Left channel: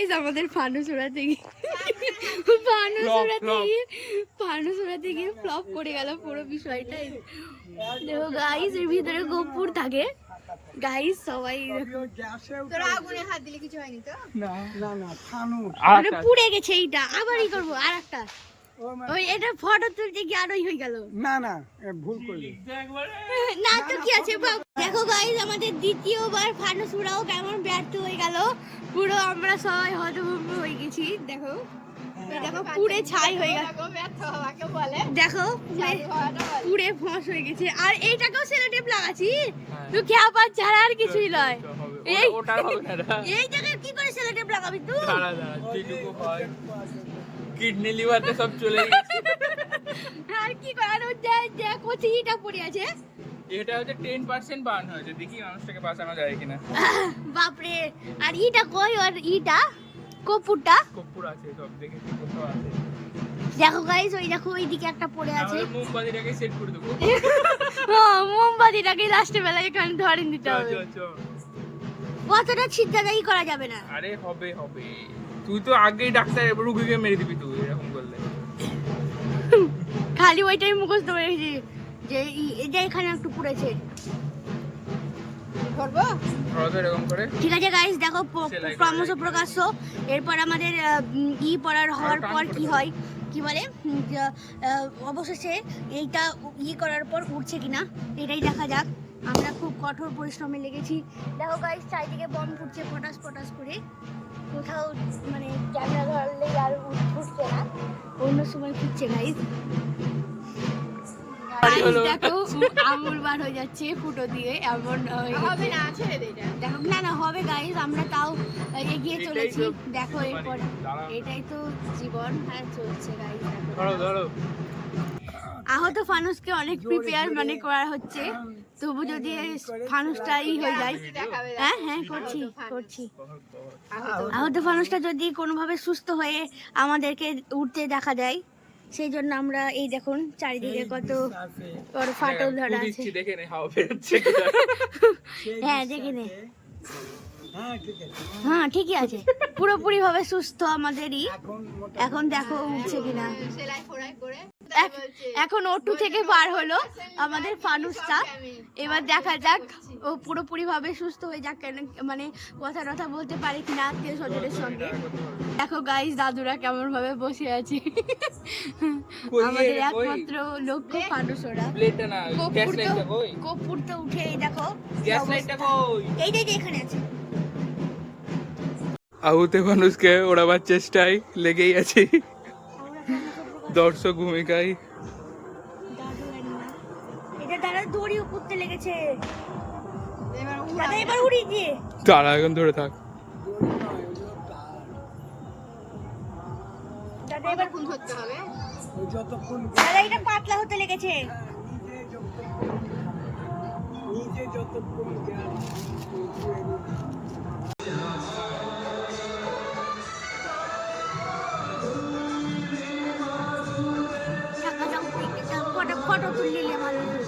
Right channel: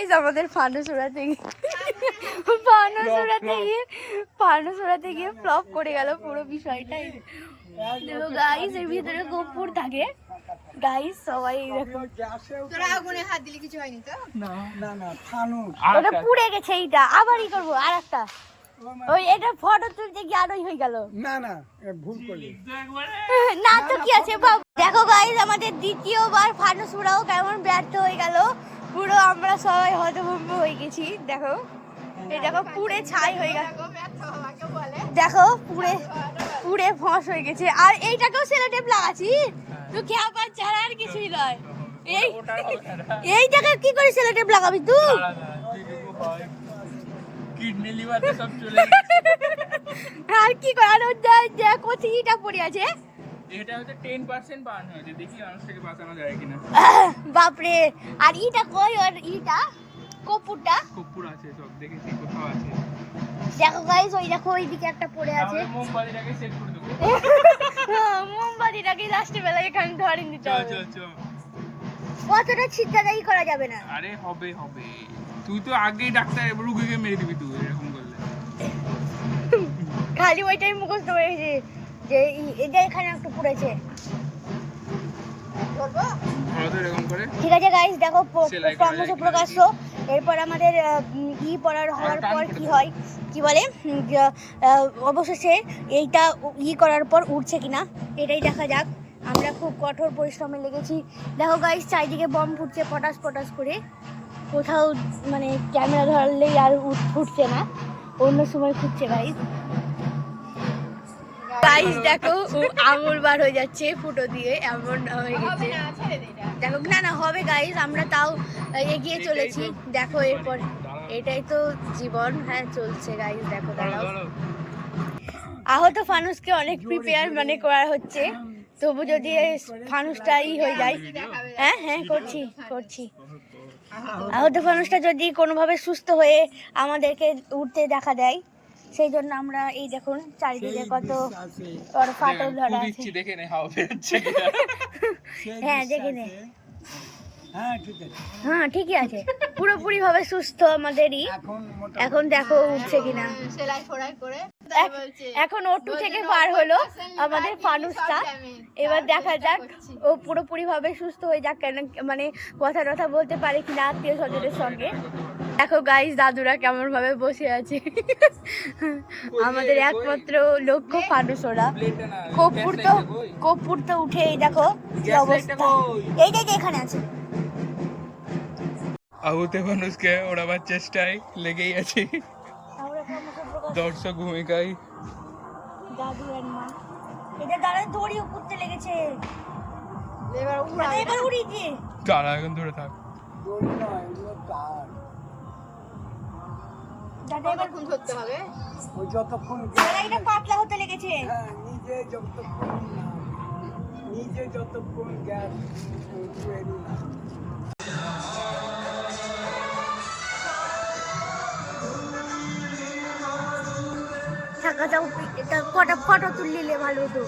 এই আমাদের ফানুস উড়াতে গিয়ে ফ্লপ করে গেল পুরো বিষয়টাই। দেখো গাইস, এর ভিতরে কর্পূর থাকে গাইস, সবাই দেখো। তোরা আগুনে হাত দিলে কিছু হয়নি তো? না ফানুস ওটা পুড়ে গেছে। এইটা আবার ই করবো আর একটা, ওই এটা ফটো তুলতে গিয়ে আরোই হয়ে গেল। না ভুল করলি। না তো কি আছে বাবু। দেখো গাইস, আমাদের দ্বিতীয়বার ফানুস উড়াও কেমন ব্যর্থ হয়ে গেল। পুরো আমরা সবাই হতভম্ব হয়ে গেছি। দেখো এই দেখো পুড়ে ছাই হয়ে গেল। দেখো পুড়ে ফস হয়ে গেছে। আর এইটাকেও সেলোটেপ লাগাচ্ছি, তুই খেয়াপাত ছাড়া আর কিছুই নয়। এইটাকে কি করে সেলোটেপ লাগাবি তুই? কিডনি লিভারে সব চলে গেছে। আর কি করে? আর কোথিটা পড়ে আছে। এটা হচ্ছে 10% বার্ন হয়েছে। দেখি মানুষটাকে বাঁচানো যায় কিনা। বাপরে। আর ইটা কই? ওর ইটা কর্পূরটা কর্পূর আছে, সব দেখি কর্পূর আছে। দেখো গাইস, ওই দেখো ওইদিকে একটা পড়ে আছে। আমরা মোমবাতিটাকে সেট করে দেবো। হ্যাঁ, মোমবাতিটাকে লাস্টে বেলা এখানে ধরেন দিতে হবে। চল। কতটা ছিটকাদাই করা যাবে না। আরে হবে। তুই তো আগেই ডাক্তার, রোগীকে মেরে দিবি তুই এরকম করলে। খালি ওইটাই মুখস্থ হয়েছে যে এটা এখানে একটু পড়েছে। ঠিক আছে গাইস, দেখো ক্রমশ প্রকাশ্য। এরপর আমাদের পড়ার হওয়ার পর কি হয়, কি বলে, অবশেষে এইটা করার পর উঠছে কিনা এটাই দেখা যাক। আমরা খুব কঠোর পরিশ্রমে লেগেছি। দেখো গাইস, চারিদিকে বম ফুটছে পটাশ পটাশ করে। কোথাও মানে ক্যামেরা ধরলেই আর ফুটছে না, অন্য সময় ফুটছে গাইস। গাইস দেখো, আঙুল বার হয়ে যাচ্ছে ফুটো দিয়ে, এমন হয়ে গেছে। দেখো না হবে গাইস, আমরা তাও এগিয়ে চলেছি। দেখো এরপর এটাই তো জীবন। হ্যাঁ চলছে গাইস। দেখো আহত ফানুসকে অনেক প্রিপেয়ার মানে করা হচ্ছে, তবু যদি ফানুসটা হয়ে যায়। হ্যাঁ করছি। আহত ফানুসটা যদি কোনোভাবে সুস্থ হয়ে আমাদেরকে উঠতে দেখা দেয়, সেই জন্য আমরা এই দেখুন চারিদিকে কত বড় ফাটল ধরা আছে। হ্যাঁ দেখে নে। হ্যাঁ ঠিকই আছে, পুরোপুরি ভাবে সুস্থ আমাদেরই। এখন দেখো উঠছে কিনা। এখন ওটু থেকে পার হলো আমাদের ফানুসটা। এবার দেখা যাক ও পুরোপুরি ভাবে সুস্থ হয়ে যাক, কেন মানে কথা বলতে পারে কিনা আত্মীয় স্বজনের সঙ্গে। দেখো গাইস, দাদুরা কেমন ভাবে বসে আছে। আমাদের একমাত্র লক্ষ্য ফানুস ওরা। কর্পূর তো উঠে এই দেখো কি অবস্থা। এইটাই এখানে আছে। আহত মানুষকে ওড়াবার চেষ্টায় লেগেই আছে দর্শক ভূমিকায়। দাদু আর মা এটা দ্বারা দড়ি উপরতে লেগেছে। এবার উড়িয়ে দিয়ে তারা এখন ধরে থাক। দাদা এবার কোন ধরতে হবে? যতক্ষণ দাদা এটা পাতলা হতে লেগেছে। নিজে যতক্ষণ গ্যাস থাকা যাও, এটা কটা ফটো তুললে ভালো হতো।